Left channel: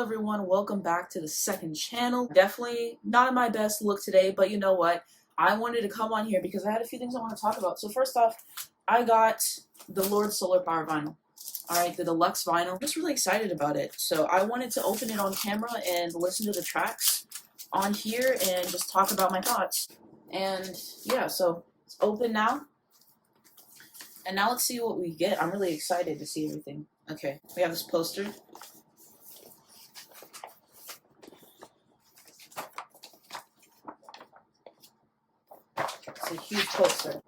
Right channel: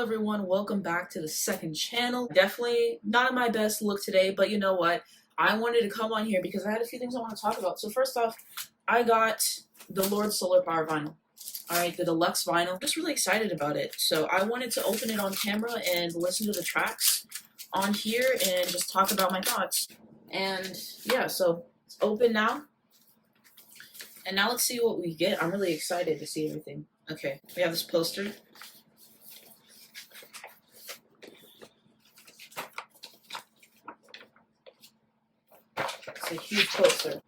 Hello everyone, welcome back to the second channel. Definitely not in my best look today, but you know what? I wanted to come on here because I had a few things I want to talk about. So first off, I got the Lord Solar Power vinyl. Alright, the Deluxe vinyl. I'm just really excited about it. So I wanted to open it on camera and listen to the tracks on here and just talk about my thoughts. And yeah, so it's open now. And now let's see what we get. I'm really excited to see everything. Okay, we have this poster. It's a huge poster.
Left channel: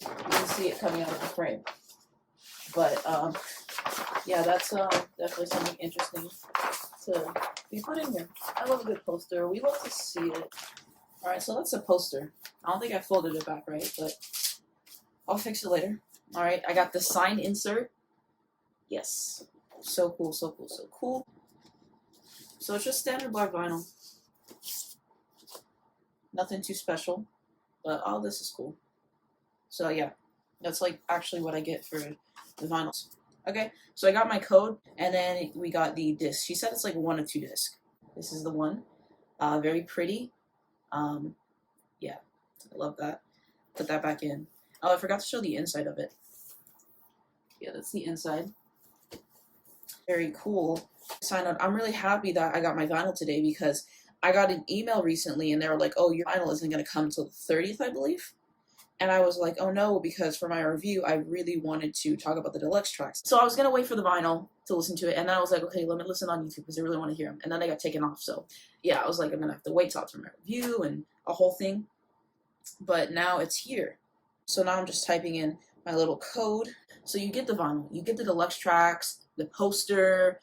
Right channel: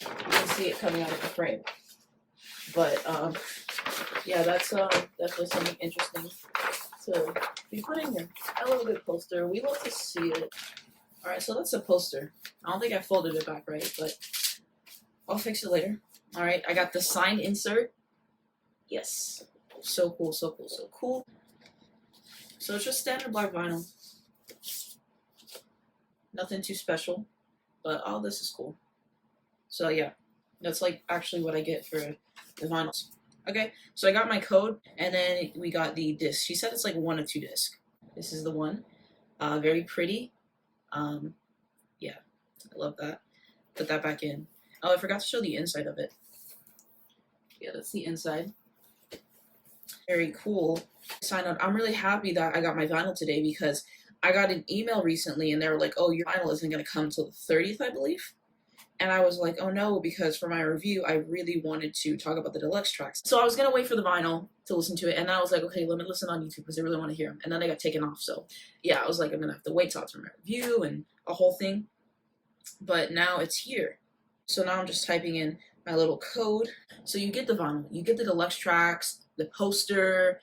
You can see it coming out of the frame. But yeah, that's definitely something interesting to be put in here. I love a good poster. We love to see it. Alright, so that's a poster. I don't think I folded it back right, but I'll fix it later. Alright, I got the signed insert. Yes. So cool, so cool, so cool. So it's just standard black vinyl. Nothing too special, but all this is cool. So yeah, that's like actually what I get for the vinyls. Okay, so I got my code, and then we got the disc. She said it's like 1 of 2 discs. This is the one. Very pretty. Yeah, I love that. Put that back in. Oh, I forgot to show the inside of it. Yeah, that's the inside. Very cool. Sign up. I'm really happy that I got my vinyl today because I got an email recently and they were like, oh, your vinyl isn't going to come until the 30th, I believe. And I was like, oh no, because for my review, I really wanted to talk about the deluxe tracks. So I was going to wait for the vinyl to listen to it. And I was like, okay, let me listen on YouTube because I really want to hear them. And then they got taken off. So yeah, I was like, I'm going to have to wait till after my review and a whole thing. But now it's here. So now I'm just typing in my little code. So you get the vinyl, you get the deluxe tracks, the poster,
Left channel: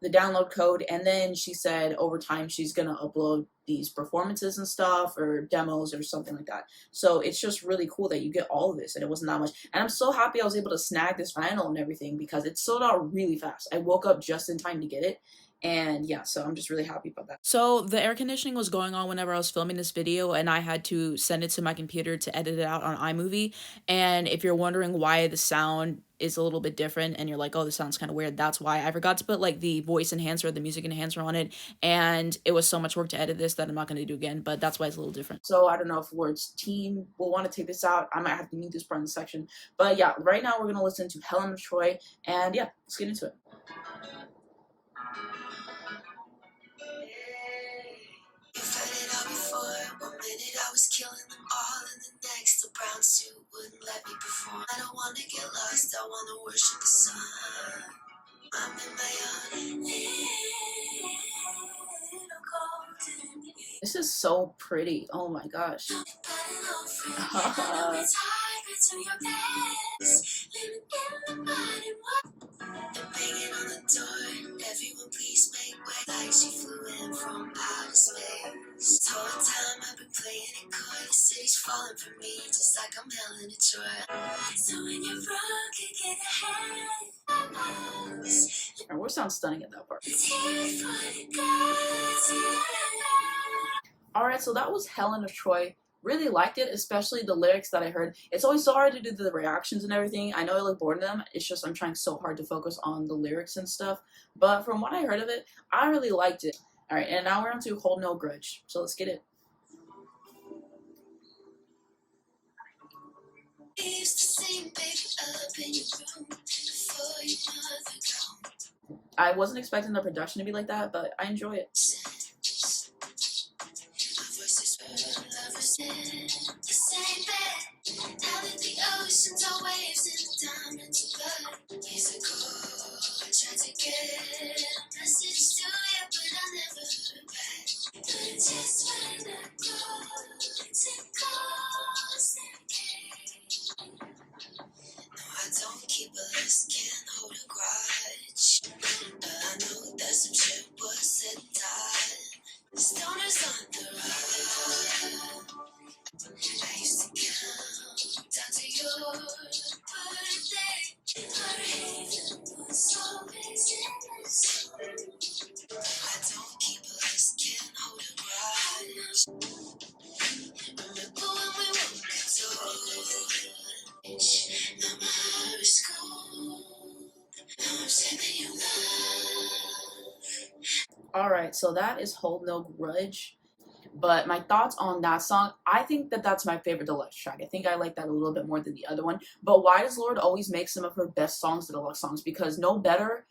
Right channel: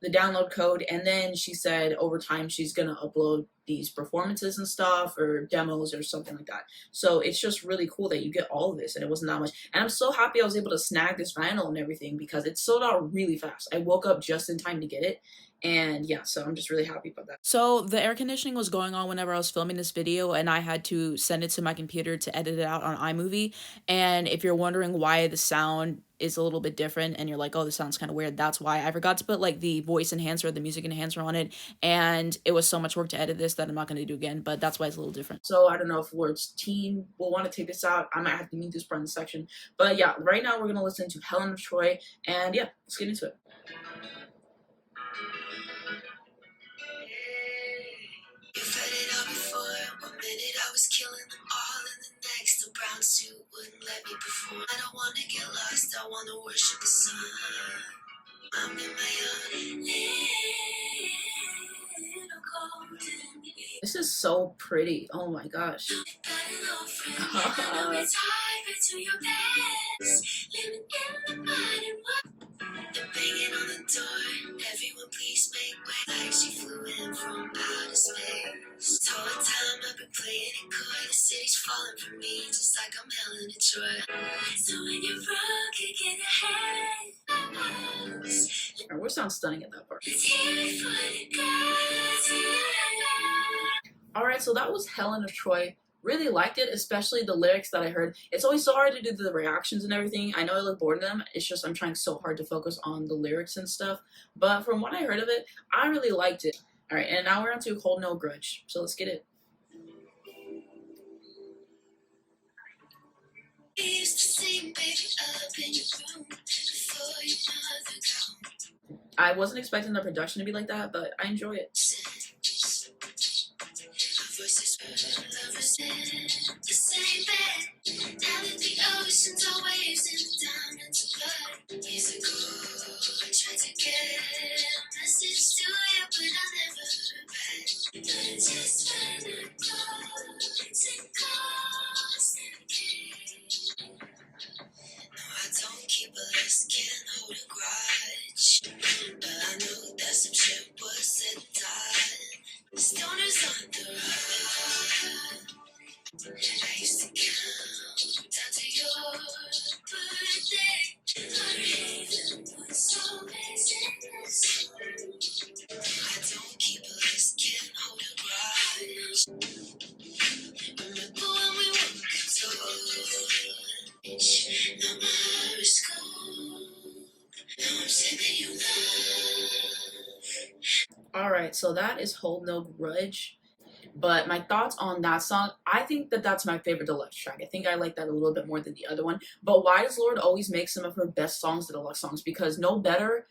the download code, and then she said over time she's gonna upload these performances and stuff or demos or something like that. So it's just really cool that you get all of this and it wasn't that much. And I'm so happy I was able to snag this vinyl and everything because it sold out really fast. I woke up just in time to get it. And yeah, so I'm just really happy about that. So the air conditioning was going on whenever I was filming this video and I had to send it to my computer to edit it out on iMovie. And if you're wondering why the sound is a little bit different and you're like, oh, this sounds kind of weird, that's why. I forgot to put like the voice enhancer, the music enhancer on it, and it was so much work to edit this that I'm not going to do again, but that's why it's a little different. So I don't know if Word's team will want to take this out. I might have to mute this part in the section. But yeah, right now we're going to listen to Helen of Troy, and yeah, let's get into it. I was killing them all, and the next the brown suit wouldn't let me perform. I don't want to get lost, I want to worship the sun. I'm in my own little golden age. This is so pretty. Oh my gosh. Banging on the door, everyone please make way. Like she flew in from outer space. The whole time I've been playing it coy, the city's falling for me, just like I'm Helen of Troy. So when you're broke, get ahead. Our voice sounds stunning at that part. Alright, so that was Helen of Troy. Really liked it, especially the lyrics that I heard. It's always so hard to do the reactions and everything. I know I look bored of them. It's just I'm trying so hard to focus on the lyrics and stuff. But from what I heard of it, I really liked it. Alright, and now we're on to Hold No Grudge. So let's get it. I wasn't expecting the production to be like that, but I enjoy it. The same bed, now that the oceans are waves and the diamonds are blood. Years ago, I tried to get a message to you, but I never heard back. But just when I go, it's a ghost and no, I don't keep a list, can't hold a grudge. But I know that some shit was said and done. The stoners on the run. I used to count down to your birthday. Our haven was always in the sun. I don't keep a list, can't hold a grudge. Remember when we were told, no more school. Now I'm saving you love. All right, so that is Hold No Grudge. But my thoughts on that song, I think that that's my favorite Deluxe track. I think I like that a little bit more than the other one. But why does Lord always make some of her best songs the Deluxe songs? Because No Better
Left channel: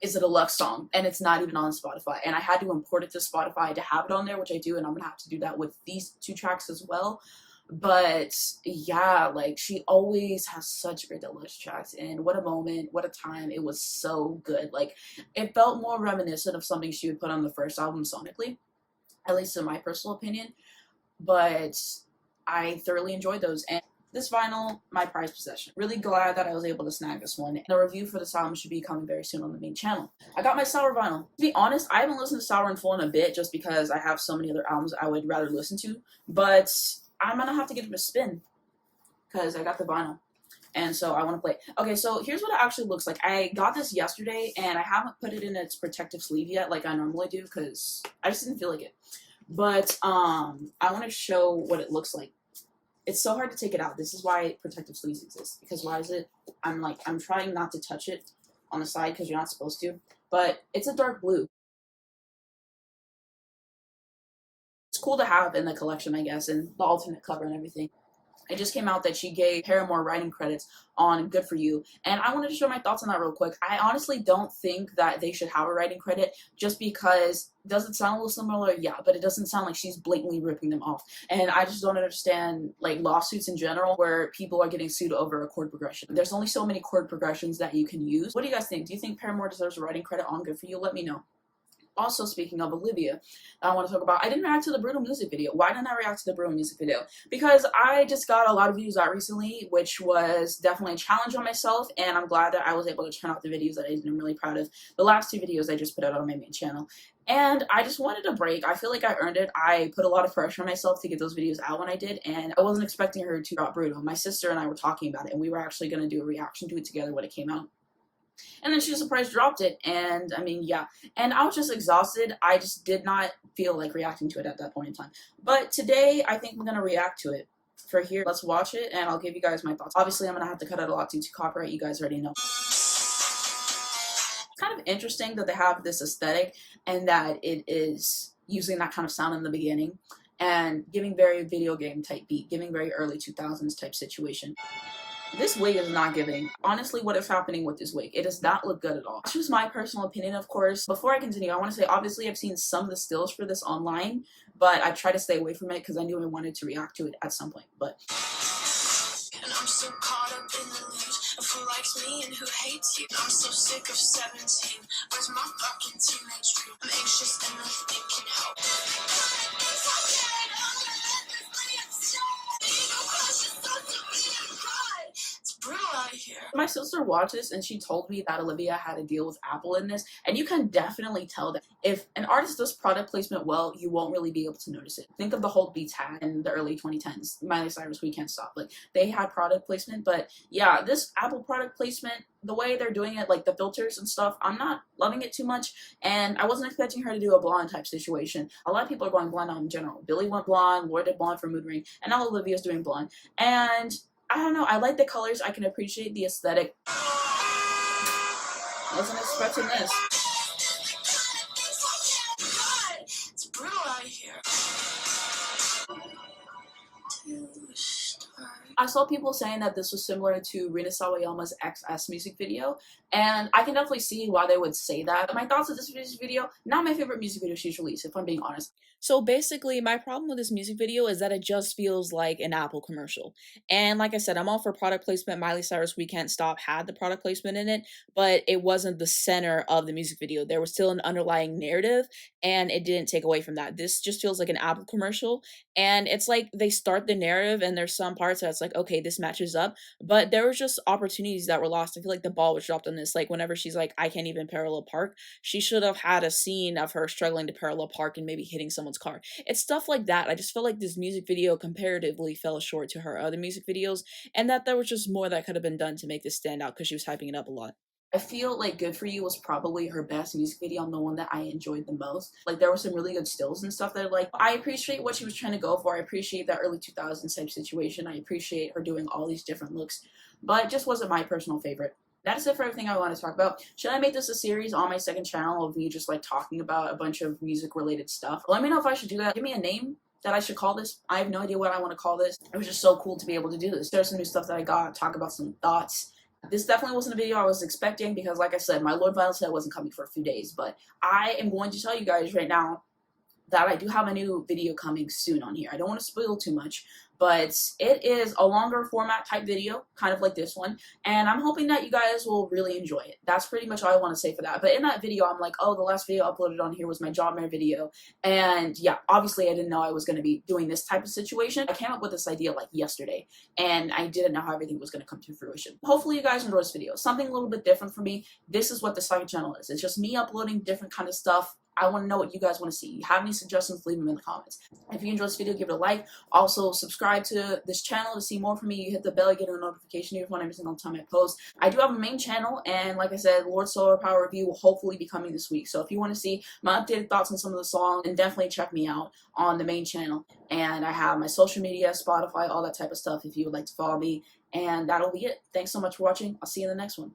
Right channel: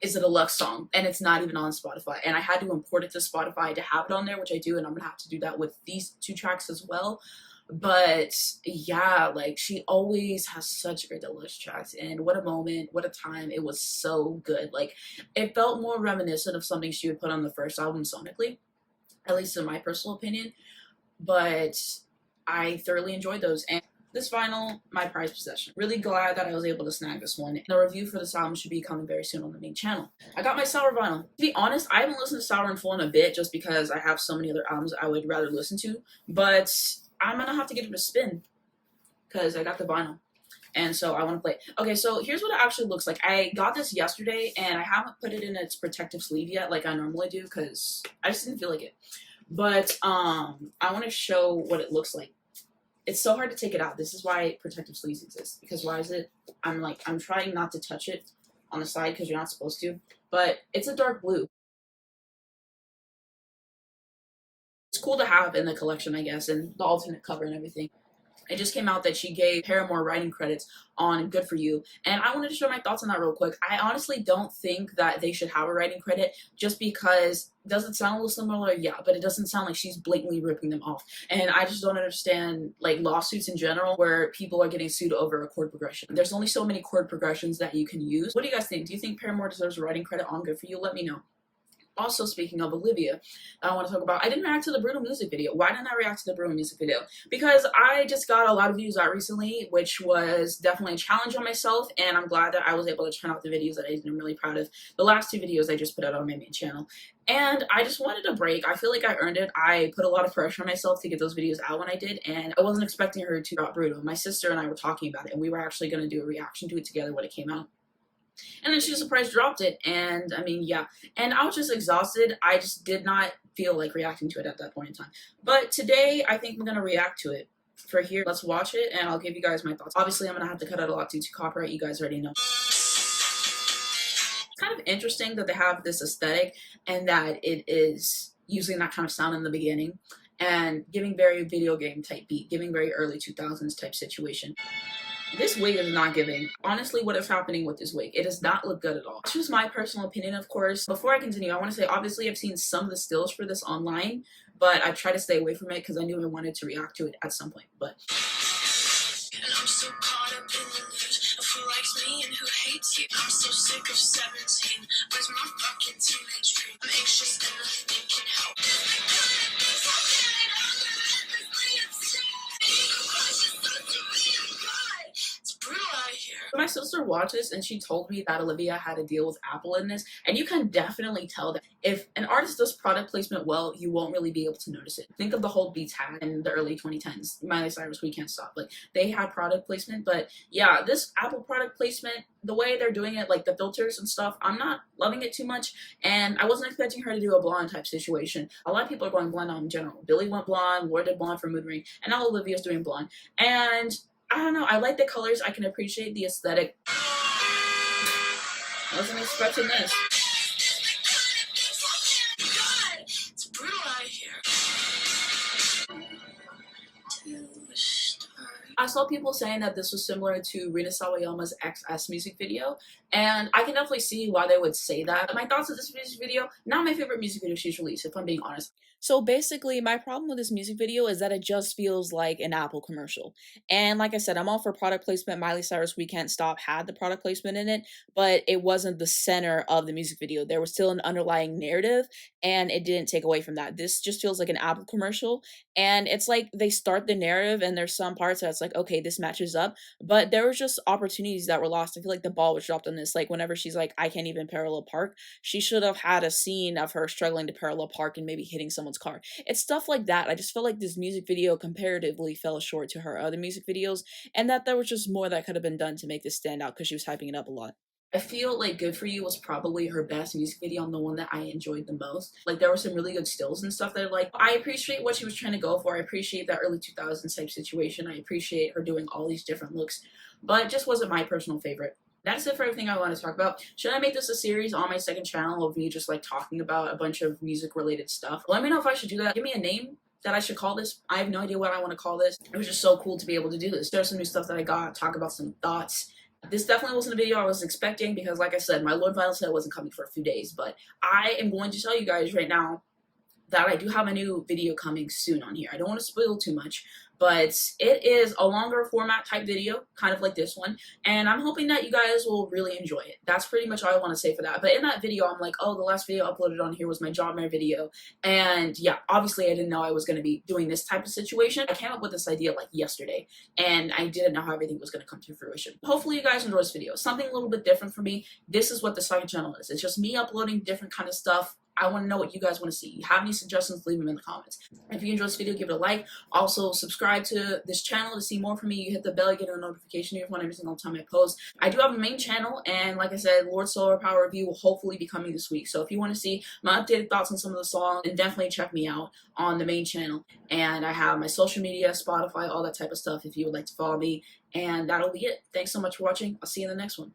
is a Deluxe song and it's not even on Spotify. And I had to import it to Spotify to have it on there, which I do, and I'm gonna have to do that with these two tracks as well. But yeah, like she always has such great Deluxe tracks, and what a moment, what a time. It was so good. Like it felt more reminiscent of something she would put on the first album sonically, at least in my personal opinion. But I thoroughly enjoyed those. And this vinyl, my prized possession. Really glad that I was able to snag this one. The review for this album should be coming very soon on the main channel. I got my Sour vinyl. To be honest, I haven't listened to Sour in full in a bit just because I have so many other albums I would rather listen to. But I'm gonna have to give it a spin because I got the vinyl. And so I want to play it. Okay, so here's what it actually looks like. I got this yesterday and I haven't put it in its protective sleeve yet like I normally do because I just didn't feel like it. But I want to show what it looks like. It's so hard to take it out. This is why protective sleeves exist. Because why is it? I'm trying not to touch it on the side because you're not supposed to. But it's a dark blue. It's cool to have in the collection, I guess, and the alternate cover and everything. It just came out that she gave Paramore writing credits on Good For You. And I wanted to share my thoughts on that real quick. I honestly don't think that they should have a writing credit just because, does it sound a little similar? Yeah, but it doesn't sound like she's blatantly ripping them off. And I just don't understand like lawsuits in general where people are getting sued over a chord progression. There's only so many chord progressions that you can use. What do you guys think? Do you think Paramore deserves a writing credit on Good For You? Let me know. Also, speaking of Olivia, I want to talk about, I didn't react to the Brutal music video. Why didn't I react to the Brutal music video? Because I just got a lot of views out recently, which was definitely a challenge on myself, and I'm glad that I was able to churn out the videos that I'm really proud of. The last two videos I just put out on my main channel. And I just wanted a break. I feel like I earned it. I put a lot of pressure on myself to get those videos out when I did, and I wasn't expecting her to drop Brutal. My sister and I were talking about it, and we were actually going to do a reaction to it together when it came out. And then she surprise dropped it, and I mean, yeah. And I was just exhausted. I just did not feel like reacting to it at that point in time. But today, I think we're gonna react to it. For here, let's watch it, and I'll give you guys my thoughts. Obviously, I'm gonna have to cut out a lot due to copyright. You guys already know. It's kind of interesting that they have this aesthetic, and that it is using that kind of sound in the beginning, and giving very video game type beat, giving very early 2000s type situation. This wig is not giving. Honestly, what is happening with this wig? It does not look good at all. This was my personal opinion, of course. Before I continue, I want to say, obviously, I've seen some of the stills for this online, but I tried to stay away from it because I knew I wanted to react to it at some point. But and I'm so caught up in the news of who likes me and who hates you. I'm so sick of 17. Where's my fucking teenage dream? I'm anxious and nothing can help. My sister watched this and she told me that Olivia had a deal with Apple in this, and you can definitely tell that if an artist does product placement well, you won't really be able to notice it. Think of the Hold Beats had in the early 2010s. Miley Cyrus, We Can't Stop. Like, they had product placement, but yeah, this Apple product placement, the way they're doing it, like the filters and stuff, I'm not loving it too much, and I wasn't expecting her to do a blonde type situation. A lot of people are going blonde now in general. Billy went blonde, Lorde did blonde for Mood Ring, and now Olivia's doing blonde. And I don't know, I like the colors, I can appreciate the aesthetic. I wasn't expecting this. It's brutal out here. I saw people saying that this was similar to Rina Sawayama's XS music video, and I can definitely see why they would say that. My thoughts of this music video, not my favorite music video she's released, if I'm being honest. So basically, my problem with this music video is that it just feels like an Apple commercial. And like I said, I'm all for product placement. Miley Cyrus, We Can't Stop had the product placement in it, but it wasn't the center of the music video. There was still an underlying narrative, and it didn't take away from that. This just feels like an Apple commercial, and it's like they start the narrative, and there's some parts that's like, okay, this matches up, but there was just opportunities that were lost. I feel like the ball was dropped on this. Like, whenever she's like, I can't even parallel park, she should have had a scene of her struggling to parallel park and maybe hitting someone's car. It's stuff like that. I just feel like this music video comparatively fell short to her other music videos, and that there was just more that could have been done to make this stand out because she was hyping it up a lot. I feel like Good For You was probably her best music video and the one that I enjoyed the most. Like, there were some really good stills and stuff that, like, I appreciate what she was trying to go for. I appreciate that early 2000s type situation. I appreciate her doing all these different looks, but it just wasn't my personal favorite. That is it for everything I want to talk about. Should I make this a series on my second channel of me just like talking about a bunch of music related stuff? Let me know if I should do that. Give me a name that I should call this. I have no idea what I want to call this. It was just so cool to be able to do this. There's some new stuff that I got, talk about some thoughts. This definitely wasn't a video I was expecting because, like I said, my Lord Vinyl sale wasn't coming for a few days. But I am going to tell you guys right now that I do have a new video coming soon on here. I don't want to spoil too much, but it is a longer format type video, kind of like this one, and I'm hoping that you guys will really enjoy it. That's pretty much all I want to say for that. But in that video, I'm like, oh, the last video uploaded on here was my job fair video, and yeah, obviously I didn't know I was going to be doing this type of situation. I came up with this idea like yesterday, and I didn't know how everything was going to come to fruition. Hopefully you guys enjoy this video. Something a little bit different for me. This is what the second channel is. It's just me uploading different kind of stuff. I want to know what you guys want to see. You have any suggestions, leave them in the comments. If you enjoyed this video, give it a like. Also, subscribe to this channel to see more from me. You hit the bell, you get a notification every single time I post. I do have a main channel, and like I said, Lord Solar Power review will hopefully be coming this week. So if you want to see my updated thoughts on some of the songs, then definitely check me out on the main channel. And I have my social media, Spotify, all that type of stuff if you would like to follow me. And that'll be it. Thanks so much for watching. I'll see you in the next one.